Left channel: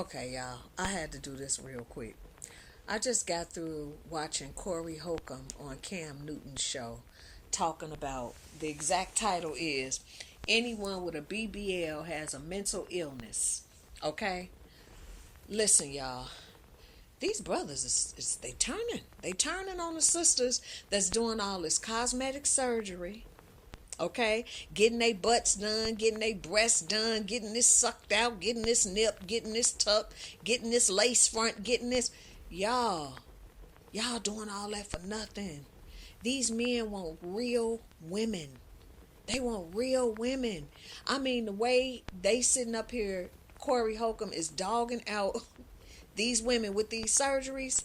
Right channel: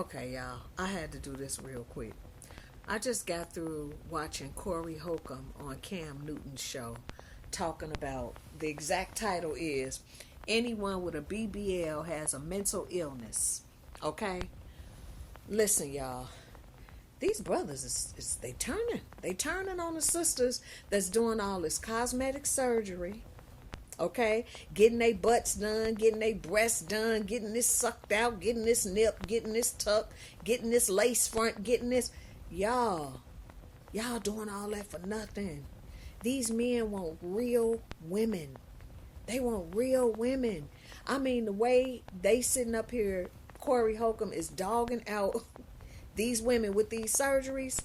Okay, y'all, I had to do this real quick. I just got through watching Corey Holcomb on Cam Newton's show talking about the exact title is Anyone with a BBL has a mental illness. Okay? Listen, y'all. These brothers is they turning. They turning on the sisters that's doing all this cosmetic surgery, okay? Getting their butts done, getting their breasts done, getting this sucked out, getting this nip, getting this tucked, getting this lace front, getting this. Y'all, y'all doing all that for nothing. These men want real women. They want real women. I mean, the way they sitting up here, Corey Holcomb is dogging out these women with these surgeries.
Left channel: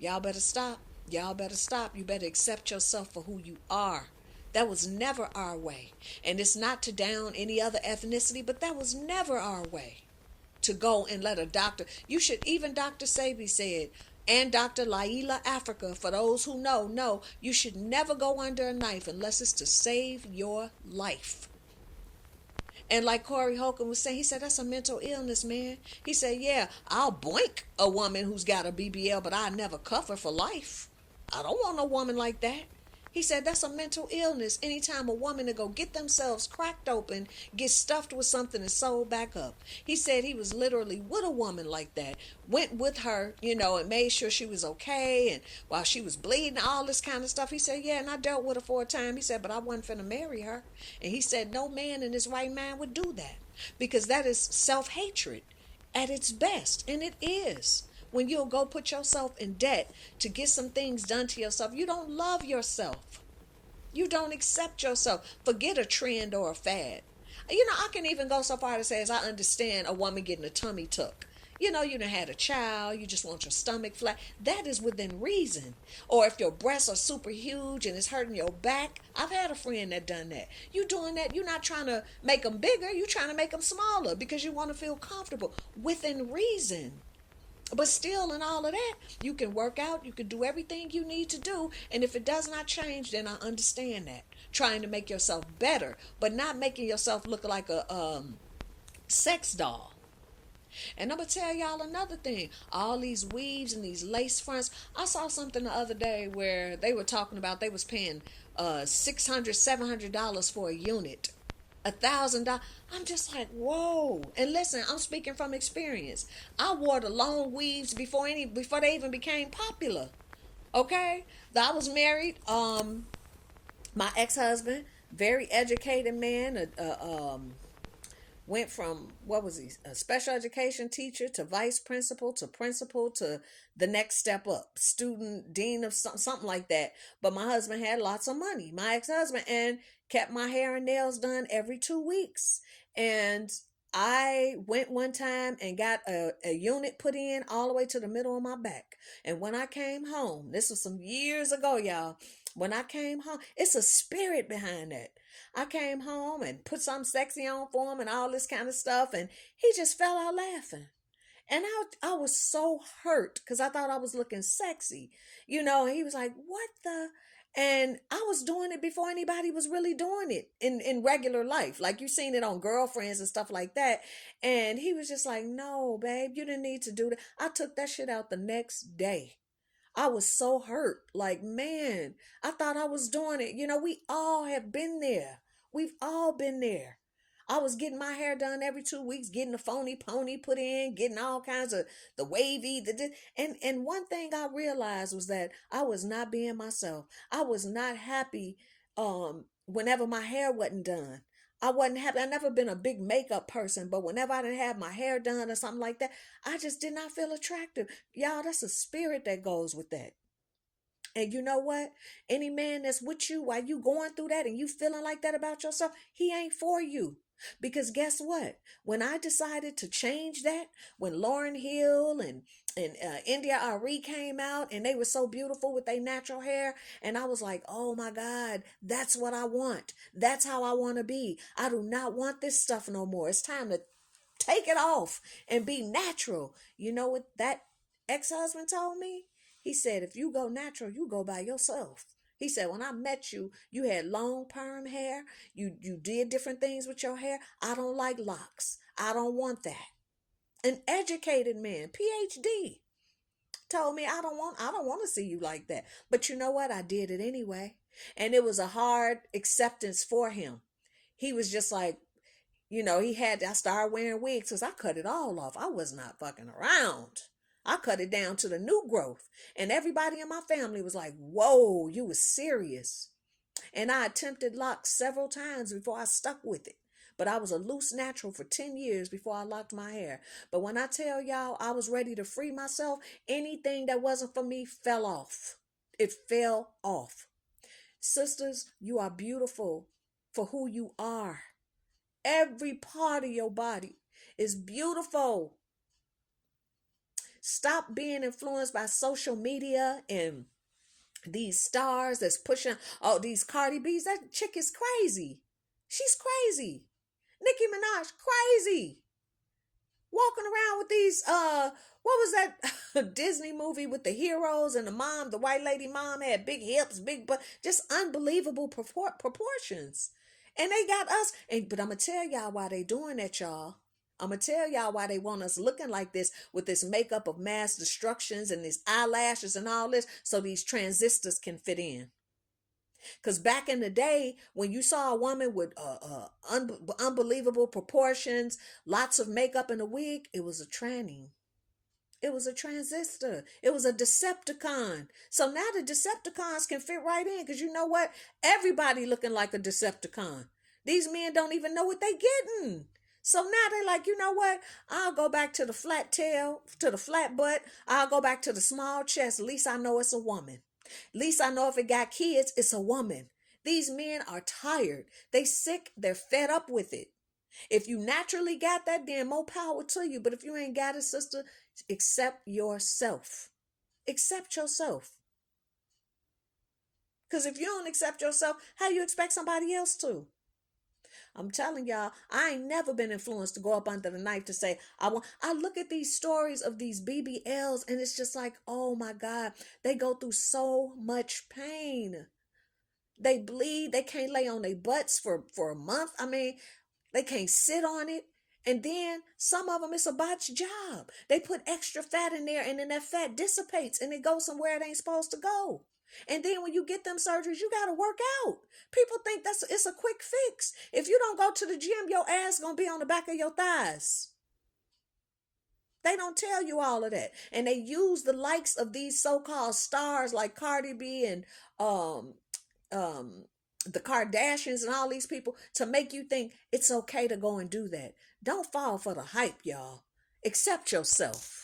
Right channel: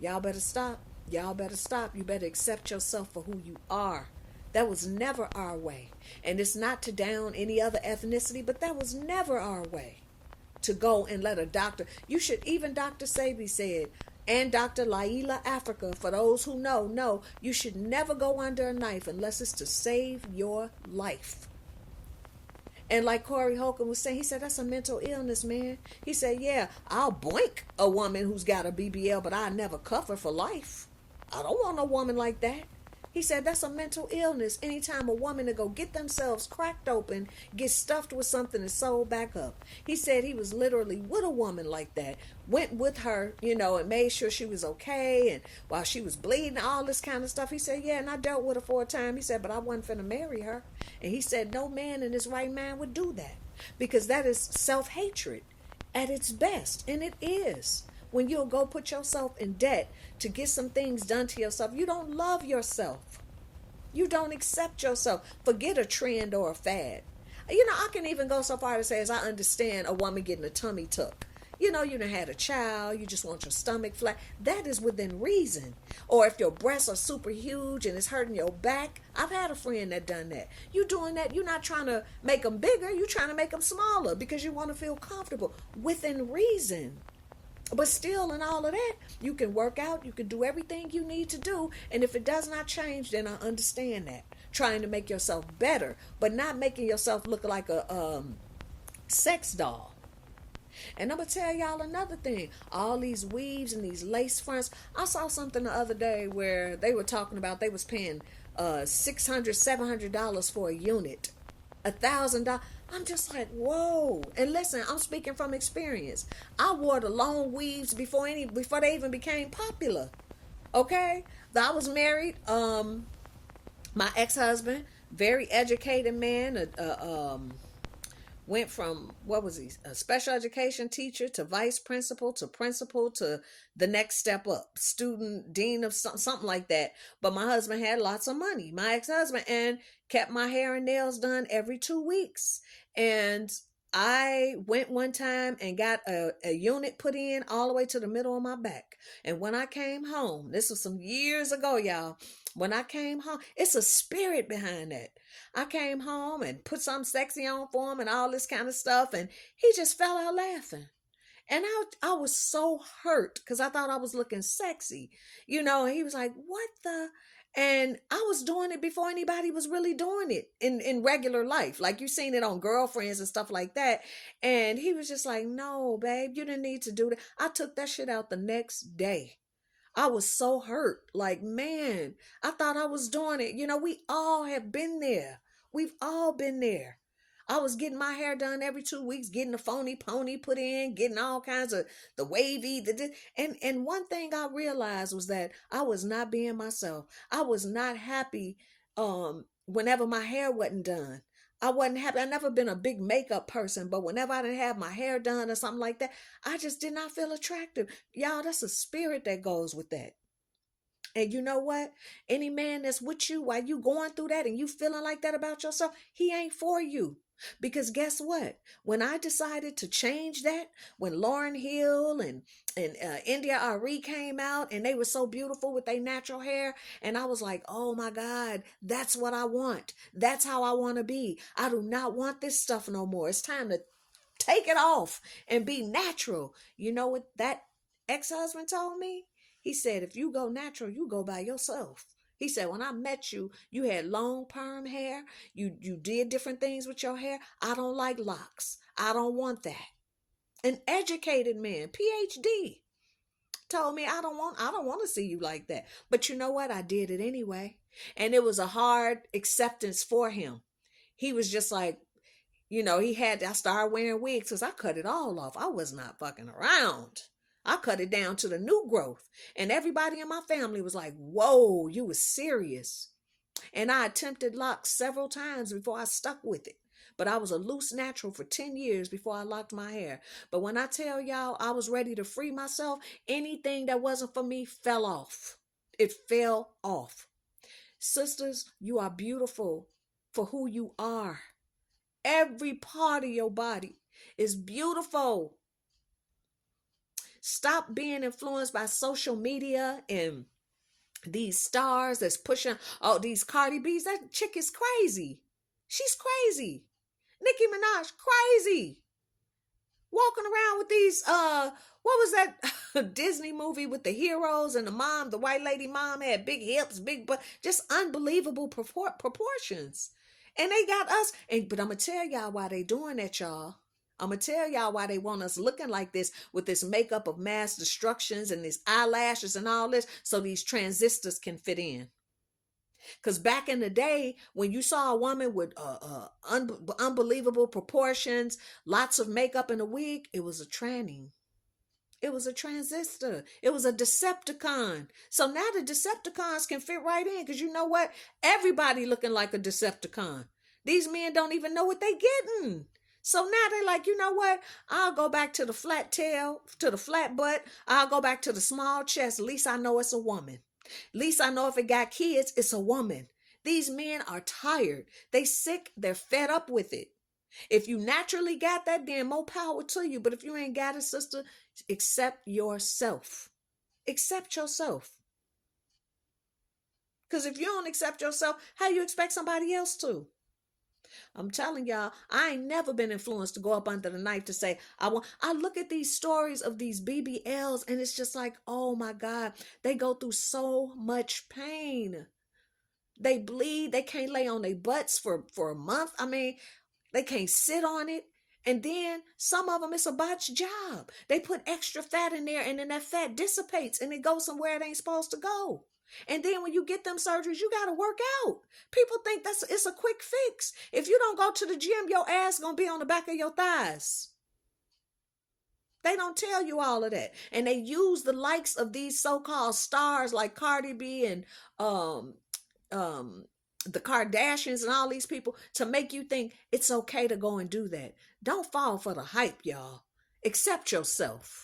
Y'all better stop. Y'all better stop. You better accept yourself for who you are. That was never our way. And it's not to down any other ethnicity, but that was never our way to go and let a doctor. You should, even Dr. Sabi said, and Dr. Laila Africa, for those who know, no, you should never go under a knife unless it's to save your life. And like Corey Holcomb was saying, he said, that's a mental illness, man. He said, yeah, I'll boink a woman who's got a BBL, but I never cuff her for life. I don't want no woman like that. He said that's a mental illness. Anytime a woman to go get themselves cracked open, get stuffed with something and sewed back up. He said he was literally with a woman like that. Went with her, and made sure she was okay. And while she was bleeding, all this kind of stuff. He said, yeah, and I dealt with her for a time. He said, but I wasn't finna marry her. And he said, no man in his right mind would do that. Because that is self-hatred at its best. And it is. When you'll go put yourself in debt to get some things done to yourself, you don't love yourself. You don't accept yourself. Forget a trend or a fad. I can even go so far to say as I understand a woman getting a tummy tuck. You done had a child, you just want your stomach flat. That is within reason. Or if your breasts are super huge and it's hurting your back. I've had a friend that done that. You doing that, you're not trying to make them bigger, you're trying to make them smaller because you want to feel comfortable. Within reason. But still, in all of that, you can work out, you can do everything you need to do. And if it does not change, then I understand that. Trying to make yourself better, but not making yourself look like a sex doll. And I'm going to tell y'all another thing. All these weaves and these lace fronts. I saw something the other day where they were talking about they was paying $600, $700 for a unit. $1,000. I'm just like, whoa. And listen, I'm speaking from experience. I wore the long weaves before they even became popular. Okay? I was married. My ex-husband, very educated man, went from, what was he, a special education teacher to vice principal to the next step up, student dean of something like that. But my husband had lots of money, my ex-husband, and kept my hair and nails done every 2 weeks. And I went one time and got a unit put in all the way to the middle of my back. And when I came home, this was some years ago, y'all. When I came home, it's a spirit behind that. I came home and put something sexy on for him and all this kind of stuff, and he just fell out laughing. And I was so hurt because I thought I was looking sexy. He was like, what the? And I was doing it before anybody was really doing it in regular life. Like you seen it on Girlfriends and stuff like that. And he was just like, no, babe, you didn't need to do that. I took that shit out the next day. I was so hurt. Like, man, I thought I was doing it. We all have been there. We've all been there. I was getting my hair done every 2 weeks, getting the phony pony put in, getting all kinds of the wavy, and one thing I realized was that I was not being myself. I was not happy whenever my hair wasn't done. I wasn't happy. I never been a big makeup person, but whenever I didn't have my hair done or something like that, I just did not feel attractive. Y'all, that's a spirit that goes with that. And you know what? Any man that's with you while you going through that and you feeling like that about yourself, he ain't for you. Because guess what? When I decided to change that, when Lauryn Hill and India Ari came out and they were so beautiful with their natural hair, and I was like, oh my God, that's what I want. That's how I want to be. I do not want this stuff no more. It's time to take it off and be natural. You know what that ex-husband told me? He said, if you go natural, you go by yourself. He said, when I met you, you had long perm hair. You did different things with your hair. I don't like locks. I don't want that. An educated man, PhD, told me I don't want to see you like that. But you know what? I did it anyway. And it was a hard acceptance for him. He was just like, I started wearing wigs because I cut it all off. I was not fucking around. I cut it down to the new growth. And everybody in my family was like, whoa, you was serious. And I attempted locks several times before I stuck with it. But I was a loose natural for 10 years before I locked my hair. But when I tell y'all I was ready to free myself, anything that wasn't for me fell off. It fell off. Sisters, you are beautiful for who you are. Every part of your body is beautiful. Stop being influenced by social media and these stars that's pushing all these Cardi B's. That chick is crazy. She's crazy. Nicki Minaj, crazy. Walking around with these, what was that Disney movie with the heroes and the mom, the white lady mom had big hips, big butt, just unbelievable proportions. And they got us, but I'm going to tell y'all why they doing that, y'all. I'm going to tell y'all why they want us looking like this with this makeup of mass destructions and these eyelashes and all this so these transistors can fit in. Because back in the day, when you saw a woman with unbelievable proportions, lots of makeup and a wig, it was a tranny. It was a transistor. It was a Decepticon. So now the Decepticons can fit right in because you know what? Everybody looking like a Decepticon. These men don't even know what they getting. So now they're like, you know what? I'll go back to the flat tail, to the flat butt. I'll go back to the small chest. At least I know it's a woman. At least I know if it got kids, it's a woman. These men are tired. They sick. They're fed up with it. If you naturally got that, then more power to you. But if you ain't got it, sister, accept yourself. Accept yourself. Because if you don't accept yourself, how you expect somebody else to? I'm telling y'all, I ain't never been influenced to go up under the knife to say, I look at these stories of these BBLs and it's just like, oh my God, they go through so much pain. They bleed. They can't lay on their butts for a month. I mean, they can't sit on it. And then some of them, it's a botched job. They put extra fat in there and then that fat dissipates and it goes somewhere it ain't supposed to go. And then when you get them surgeries, you got to work out. People think it's a quick fix. If you don't go to the gym, your ass going to be on the back of your thighs. They don't tell you all of that. And they use the likes of these so-called stars like Cardi B and the Kardashians and all these people to make you think it's okay to go and do that. Don't fall for the hype, y'all. Accept yourself.